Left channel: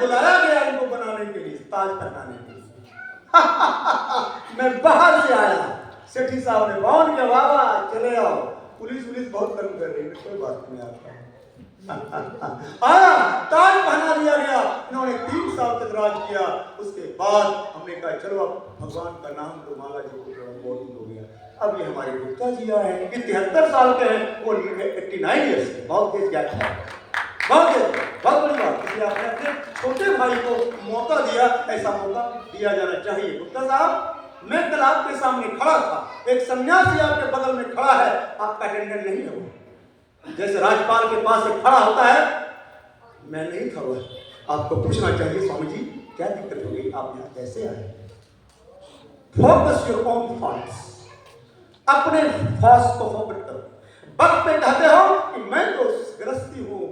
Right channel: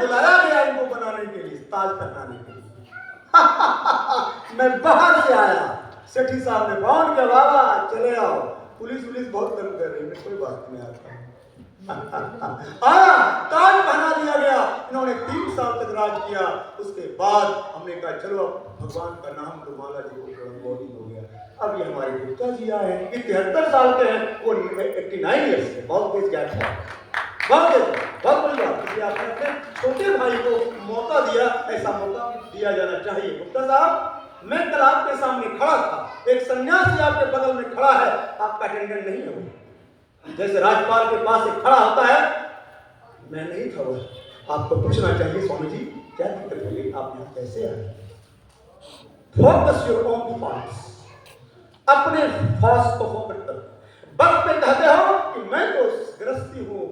बुलाया गया इनको बनाने के लिए, ताज पहनाने के लिए। मैं बाहर से आया, सेठी साहब ने बाउंड किया, बाबा चले आओ, पुलिस बहुत तंग कर रही है, कोई बात नहीं आता। ताज पहना दिया गया, इन्होंने 3 साल तक राज किया। उसके बाद हमने कहा चलो भगवान का नाम तो माला जी को बहुत हो गया। अब ये हमारे गुप्ता जी आए हैं, ये 73 साल के हैं, वो 89 ईयर्स के, बहुत तेज गैप है, बहुत बड़ी बात। इसलिए आपने अपने छोटे भाई को मौका दिया, ऐसा मौका दिया जाना चाहिए। गुप्ता साहब, मैं कल आपके सामने खड़ा था, एक सन्यासी आपके बगल में खड़ा है, आपका अटेंडेंट नहीं होगा। जैसे राजपाल के पास एक खड़ा होता है, मैं नहीं था वो। आपको पूछना चाहिए स्वामी जी क्या दिक्कत हो गई, आप यहाँ कैसे आए? फोकस योर ओन थॉट्स, अपने थॉट्स को फोकस करो। वक्त पे कहते हो कि मैं तो गृहस्थी हूँ,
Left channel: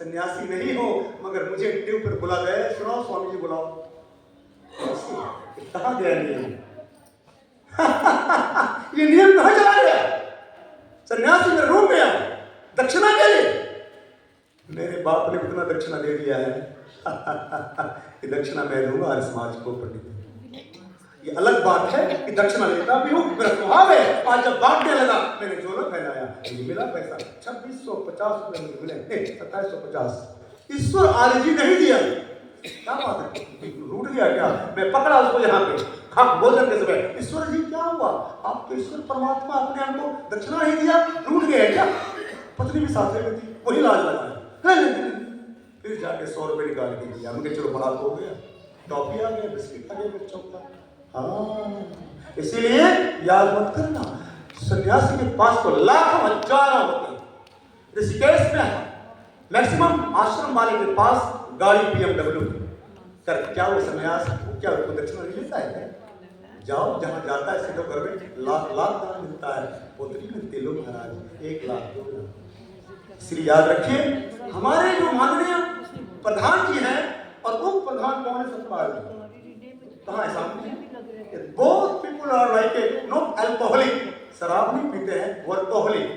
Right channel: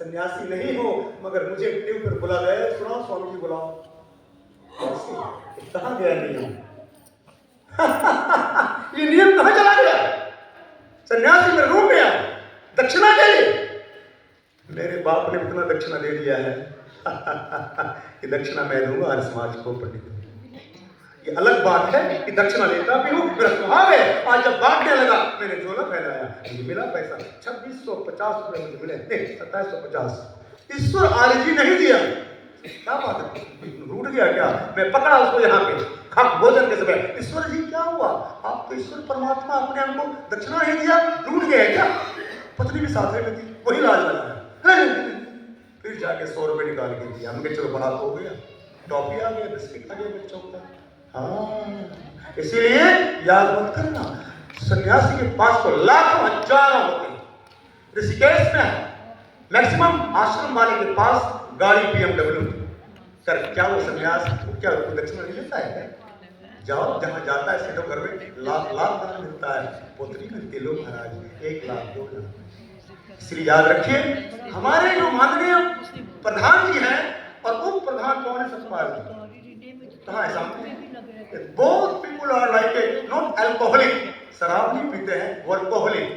सन्यासी नहीं हूँ, मगर मुझे ट्यूब पर बुला गए, सुनाओ स्वामी जी बुलाओ। कहाँ गया नियम? ये नियम कहाँ चला गया? सन्यासी में रूम गया दक्षिणा के लिए। मेरे बाप ने इतना दक्षिणा दे दिया है कि दक्षिणा मैं दूंगा हर समाज को। पंडित, ये अलग बात है कि दक्षिणा लेता भी हूँ, मेरा स्वभाव है। आज जब बांटने लगा मैंने झोला फैलाया, मिला पैसा 2650 रुपये मिले, नहीं 2750। ईश्वर आरजी नहीं दिया, क्या बात है, रूठ गया क्या? मैं पकड़ा उसको यहाँ पे खा भोजन के समय, ईश्वर जी क्या हुआ? आप तो ईश्वर परमात्मा अपने हमको दक्षिणा नहीं दिया, रूठ गया क्या? पत्नी भी साथ में थी, वही लाज लगाया। फिर जाके 100 रुपये निकाल के दिया, हमके चलो बड़ा हो गया, टॉफी आ गया, बिस्किट आ गया बच्चों का। हाँ, इसीलिए याद मत करना, सन्यासी के पास तो लाखों हजारों होते हैं। ऋषिकेश में मैक्सिमम आश्रम वाले के पास गाड़ी BMW कर, क्या वो सन्यास क्या दक्षिणा नहीं लेता है? जाओ जहाँ जाता है सीधे घर में लाख दान मिलता है, पोतरी मिलती है लोग महाराज 1 लाख 2 लाख। इसलिए याद रखिए, हमारे जो माननीय प्रधान जी हैं और उप प्रधान कौन है? सतपाल जी। कहाँ है सामने? Both people are like not alcoholic, शराब नहीं पीते हैं, वर्कोहलिक।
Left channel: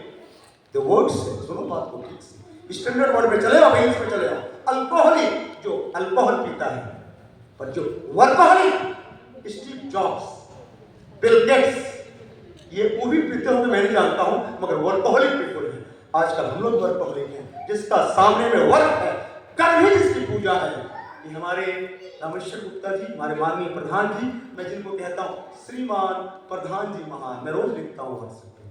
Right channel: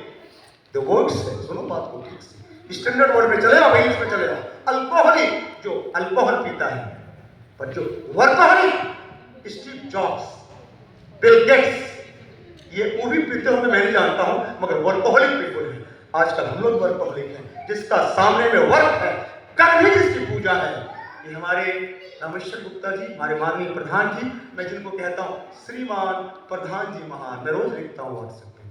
The words है, सुनो बात को ठीक से, स्टैंडर्ड वर्ड में चले आओ, इंग्लिश में चले आओ। अल्कोहलिक जो अल्कोहल पीता है, पर जो workaholic, Steve jobs, Bill Gates, ये वो भी पीते होंगे मैं नहीं जानता हूं, मगर वर्कोहलिक पीपल है। आजकल हम लोग वर्कोहलिक हैं, जिसका सामने में वर्क है, कर्म ही जिसकी पूजा है। ये हमारे रामेश्वर गुप्ता जी, हमारे माननीय प्रधान जी, मैं जिनको कहता हूँ श्रीमान प्रधान जी महान, मैं रोज लिखता हूँ व्हाट्सएप पे,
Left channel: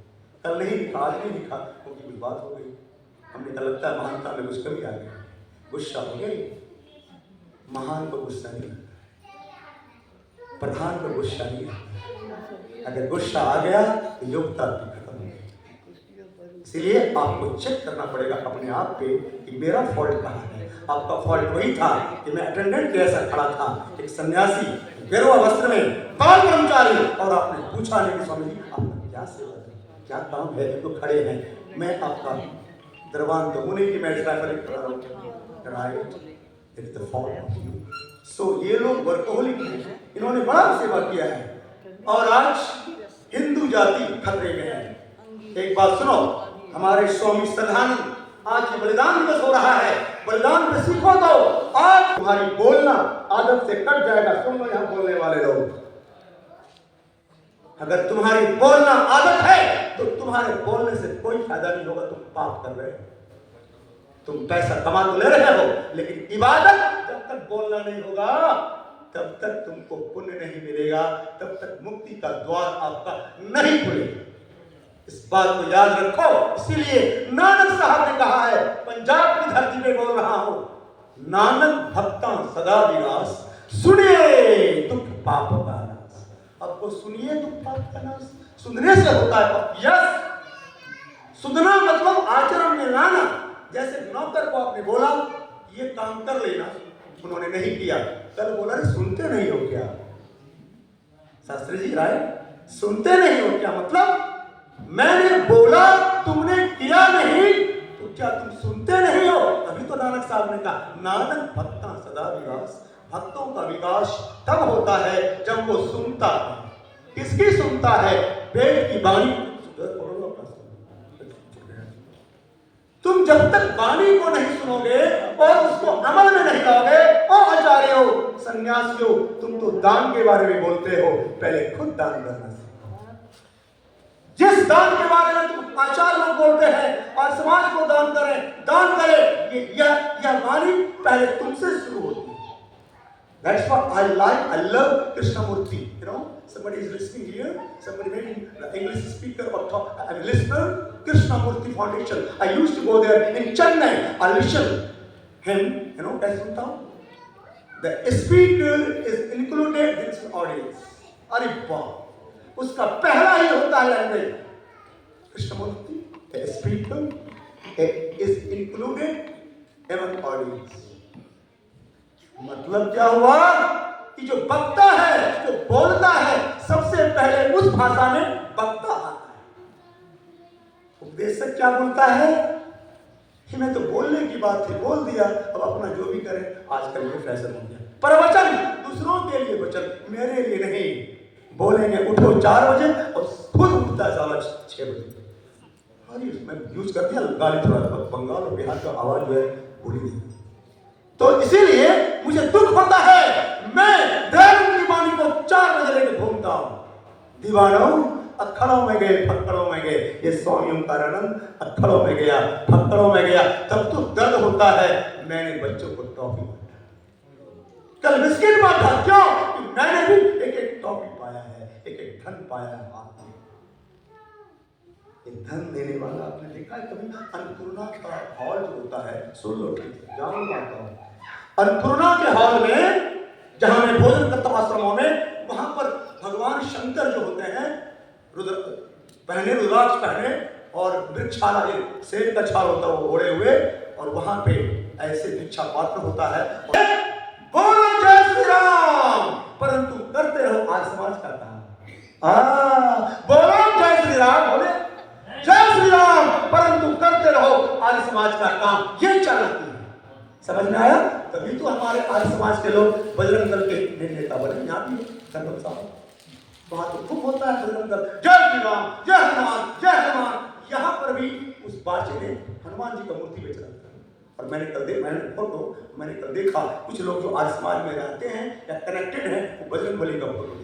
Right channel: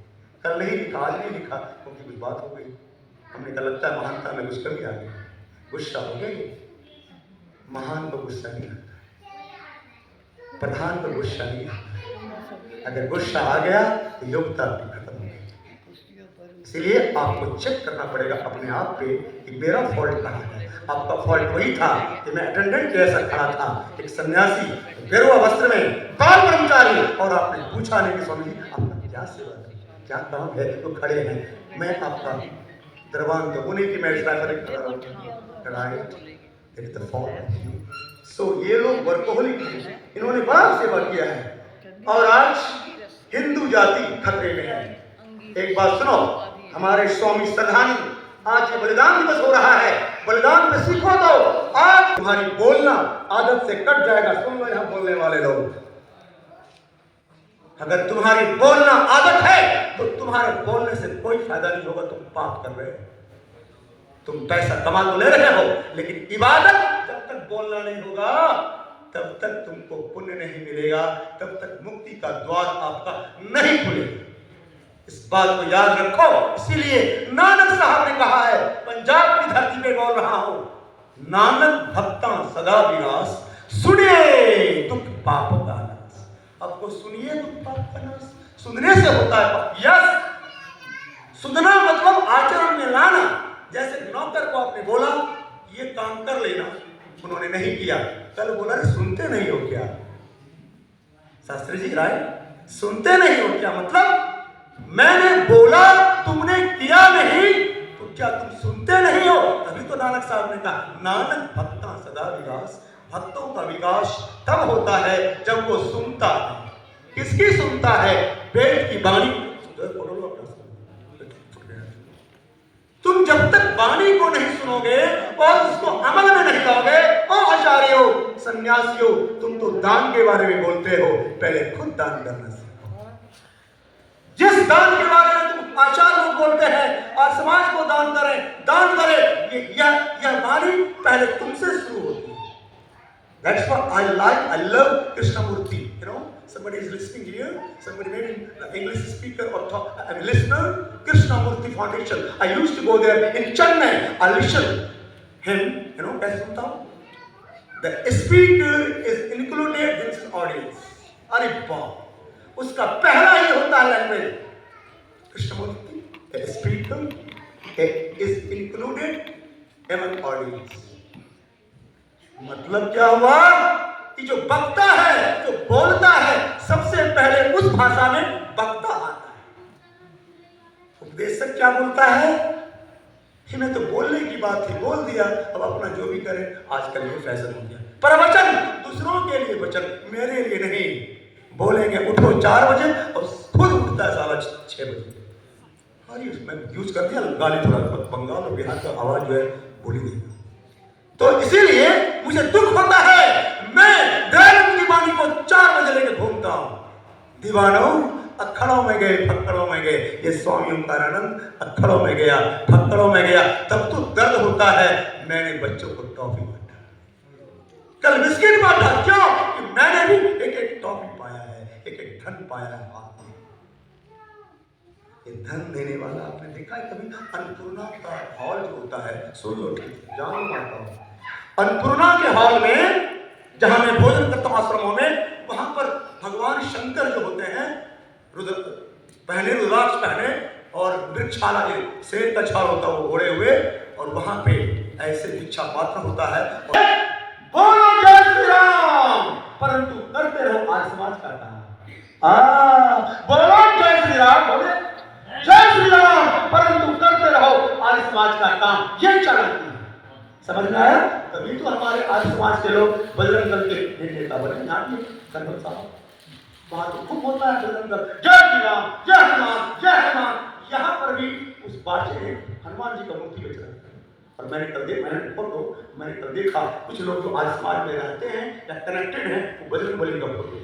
कल नहीं लिखा, आज नहीं लिखा क्योंकि कुछ बात हो गई, हमने कहा लगता है महानता में कुछ कमी आ गई, गुस्सा हो गई। महान को गुस्सा नहीं आता, प्रधान को गुस्सा नहीं आता। अगर गुस्सा आ गया तो योग्यता भी खत्म हो गई। इसलिए आपको चेक करना पड़ेगा अपने आप पे कि मेरा फॉल्ट कहाँ है। आपका फॉल्ट वही था कि मैं अटेंडेंट जैसा खड़ा था, एक सन्यासी गेरुआ वस्त्र में, बाल कर्मचारी, और आपने पूछा नहीं कि स्वामी जी आपका क्या सेवा है, क्या काम है? तो खड़े हैं, मैं आपका दरबान तो उन्हीं की मैं सो ये लोग वर्कोहलिक हैं, इन्होंने बड़ा सेवा किया है और आज हिंदू जाति खतरे में है। एक बात सुनो, हमारे स्वामी सदानंद, आज ये बलिदान दिवस हो रहा है, बलिदान पे सीखो तो आज तुम्हारी बोलना आदत से कट जाएगा। सुन लो यहाँ बोलने वाले लोग, अगर तुम्हारी बोलना आदत है तो तुम्हारे बोलने से कोई फायदा नहीं होगा, तुम पाप कर रहे हो। तुम पैसा कमा तो ले रहे हो, लेकिन इबादत जब तक बोलना नहीं होगा तब तक तुमको पुण्य नहीं मिलेगा, तब तक मुक्ति का द्वार आपका नहीं खुलेगा। इस बात को याद रखो। इसीलिए नानक साहब ने कहा है, पंजाब की धरती पे बोल रहा हूं, नानक भक्ता सदा विनाश, सुनिए दुख पाप का नाश। आपको सुनिए दुख पाप का नाश, सुनने से होता है। यस, सुनना मतलब आचरण में लाना। जैसे नौकर को आपने बोला ये काम कर लेना, उन्होंने नहीं किया, कल बोला सुनते नहीं हो क्या? शास्त्री जी राय, सुनते नहीं हो क्या? मतलब मैंने बोला तुमने किया नहीं, तो क्या तुम सुनते नहीं हो? तभी तो नानक साहब ने कहा नानक भक्ता सदा विकास, भक्तों का विकास तब होता है जब वो सुनता है। किसकी सुनता है? पेट की वाणी। तुम जब तक वाणी को नहीं सुनोगे और उसको अमल में नहीं लाओगे और सन्यासियों, तुम तो दान के बारे में बोलते हो, पहले खुद दान करना सीखो। जिस दान के बारे में तुम आचार लोग बोलते हैं और समाज को दान करें, यह वाणी पहले तुमसे शुरू होती है। That's what I like. I love Krishnamurti. You know, somebody is listening here. Somebody maybe an English speaker or a listener. Krishnamurti Foundation. I used to go there in Chennai. I listen him. You know, कैसे सुनता हूँ? The speaker is included in his audience. अरे बाप, उसका पहला ही होता है language. Krishnamurti, the speaker is included among audience. मतलब क्या हुआ कि जो वक्ता है, जो बोलता है, सबसे पहले उस भाषा में वक्ता आता है। उपदेशक क्या बोलता है कि मैं तो बोलने की बात थी, बोल दिया, अब अपना जो भी करे। आजकल ये फैशन हो गया, प्रवचन दूसरों के लिए, वचन मेरे लिए नहीं। बोलेंगे उठो 4 बजे और खुद उठता है साला 6 बजे। अरे उसमें यूज कर दिया गाली, थोड़ा बंगाल और बिहार का आवाज जो है बोली नहीं। तो इसीलिए मुझे दुख होता है, मैं दयानंद की वाणी को 4 बजे लेके घूमता हूं। दीवानों अखड़ों में गए, फक्कड़ों में गए। ये स्वामी ओंकारानंद अखड़ों में गया, फक्कड़ों में गया, तब तो दर्द होता है। मैंने बच्चों को टॉफी बांटा, कल बिस्किट बांटा, क्यों कि मैंने भी एक टॉफी पाया है, एक धन पाया है। ये धन देने वाला आपने देखा है कभी? अन्नपूर्णा का हॉल जो होता है, सुन लो जान जाता हूं, अन्नपूर्णा के हॉल में जहां मैं भोजन करता हूं आश्रमों में, वहां पर भगवान शंकर जो होते हैं, रुद्राक्ष पहने और वृक्षाला, शेर का छाल होता है वो ओढ़े हुए, और वहां पे ऐसे भिक्षा पात्र होता है, बोलो जय श्री राम, परंतु करते रहो आज समाज का काम। बोलो जय श्री राम, बोले जय श्री राम, परंतु करते रहो आज समाज का काम। ये चलती है, समझ में आया? तभी तो हमारे आज समाज के लोग बजरंग दल के नेता बने। यहाँ भी संगम साहब वहां तो खूब होता है बजरंग दल, जय श्री राम, जय हनुमान, जय हनुमान। यहाँ पर भी उस बाचे ने हनुमान जी का मूर्ति बेच रहा था। और मैंने कल देखा कुछ लोग जो आज समाज में रहते हैं या कनेक्टेड हैं, वो बजरंग बली का फोटो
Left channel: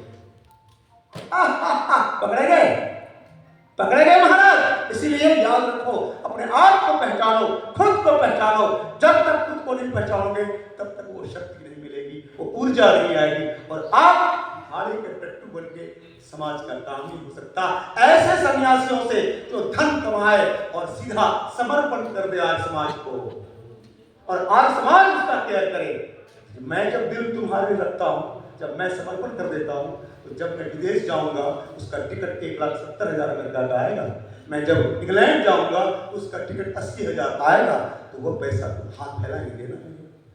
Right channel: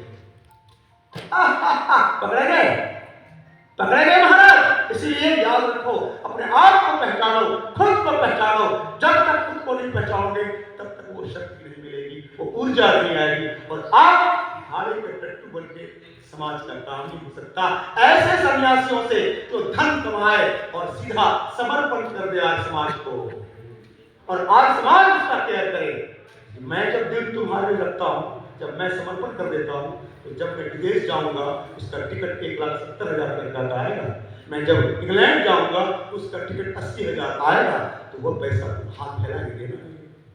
पकड़े गए महाराज। इसीलिए याद रखो, अपने आप को पहचानो, खुद को पहचानो। जब तक खुद को नहीं पहचानोगे तब तक वो शक्ति नहीं मिलेगी, वो ऊर्जा नहीं आएगी, और आप भाड़े के टट्टू बन के समाज का काम नहीं हो सकता। ऐसे सन्यासियों से तो धन कमाए और सीधा समर्पण कर दे आज समाज को, और आज समाज उसका केयर करे। मैं जब दिल तुम्हारे रखता हूं, जब मैं समर्पण कर देता हूं, तो जब मैं विदेश जाऊंगा उसका टिकट 1,70,000 अमेरिका का आएगा। मैं जब इंग्लैंड जाऊंगा उसका टिकट 80,000 आएगा। तो वो पैसा हाथ फैलाएंगे ना,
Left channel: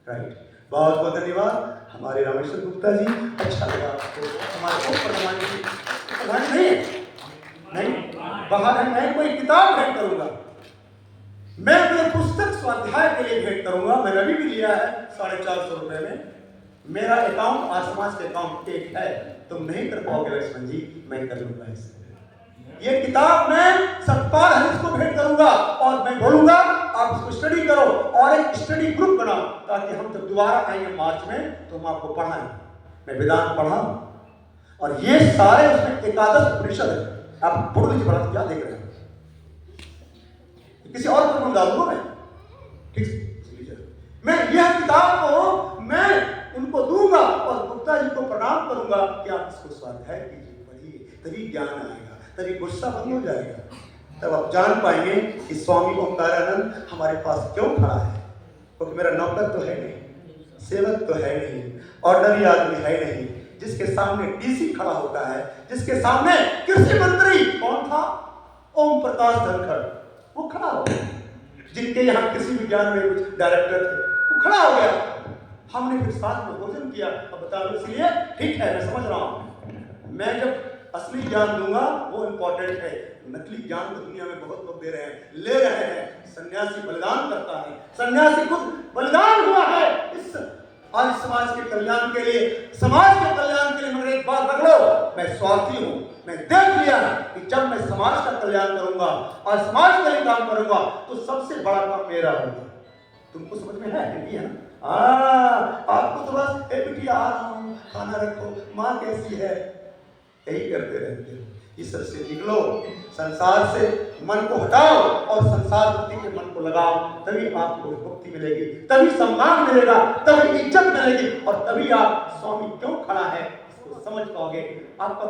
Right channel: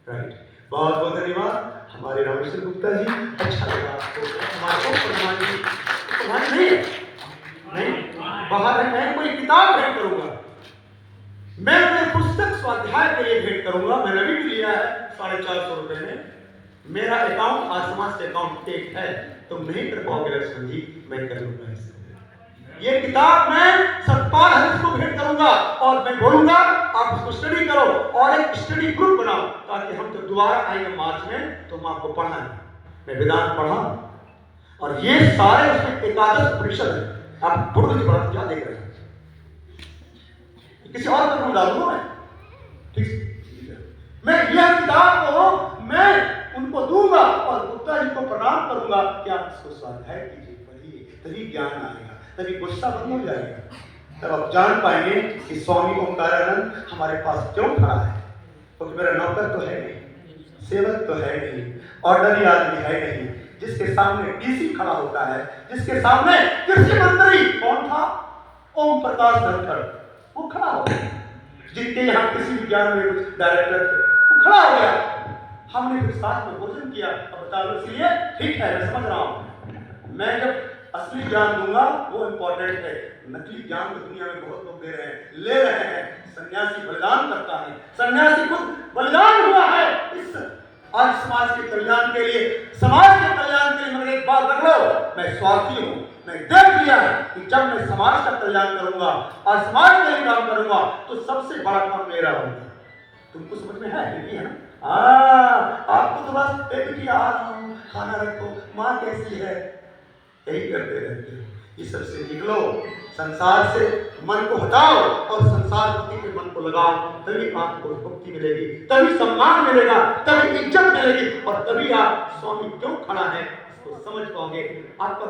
राइट? बहुत बहुत धन्यवाद हमारे रामेश्वर गुप्ता जी, अच्छा लगा आपको। हमारे नहीं बाहर है, मैं कोई किताब भेंट करूंगा, मैं कोई पुस्तक स्वाध्याय के लिए भेंट करूंगा। मैंने भी लिया है 450 रुपए में। मेरा अकाउंट आज समाज के अकाउंट एक है, तुम नहीं कर पाओगे लक्ष्मण जी, मैं कर लूंगा इसे। ये किताब मैं सतपाल हरीश को भेंट करूंगा, और मैं बोलूंगा आप इसको स्टडी करो, और एक स्टडी ग्रुप बनाओ, ताकि हम जब दोबारा आएंगे मार्च में तो हम आपको पढ़ाएं। मैं वेदांत पढ़ा, और ये सारे उसमें एकादश उपनिषद है। आप फोटो जी पढ़ा, क्या देख रहे हैं? किसी और को डालूंगा मैं, ठीक है? मैं यह किताब को मैं उनको दूंगा, और गुप्ता जी को प्रणाम करूंगा कि आप इसको स्वाध्याय कीजिए, पढ़िए, तभी ज्ञान आएगा, तभी गुस्सा बंद हो जाएगा। तब आप जान पाएंगे कि स्वामी ओंकारानंद हमारे पास क्यों खड़ा है। क्योंकि मेरा नौकर तो है नहीं, सेवक तो है नहीं, ऑर्डनरी आदमी है नहीं, जिसके सामने डीसी खड़ा होता है, जिसके सामने कृषि मंत्री कौन था? ओम प्रकाश धनखड़, वो खड़ा हो गया। जिनके यहाँ कृषि विज्ञान में कुछ डायरेक्टर थे, वो खड़ा हो गया। हमने फिर साथ में भोजन किया। अब बता दो, इसलिए ठीक है, मैं समझ रहा हूं। मैं जब असली ज्ञान दूंगा वो इंपॉर्टेंट है। नकली ज्ञान तो दुनिया में बहुत लोग दे रहे हैं, ले रहे हैं। सन्यासी बलिदान करता है, सन्यासी खुद बलिदान हुआ है इस आज समाज के कल्याण के लिए। समाज के कल्याण के लिए मैंने एक बात रख लो, मैं स्वार्थी हूं। मैं देख लिया कि जब मैं समाज का कल्याण करूंगा और समाज के लिए काम करूंगा तो सबसे बड़ा काम मेरा होगा। तुमको समझ में है? आपको थोड़ा कैसी है, यही करते रहते हो। इस सबसे निकलो, संसार से मन को हटाओ और संसार भक्ति के मन को लगाओ, तभी आपको मुक्ति मिलेगी, तभी सम्मान मिलेगा, तभी इज्जत मिलेगी और तभी आप स्वामी क्यों खड़ा है इसको समझ पाओगे। आपका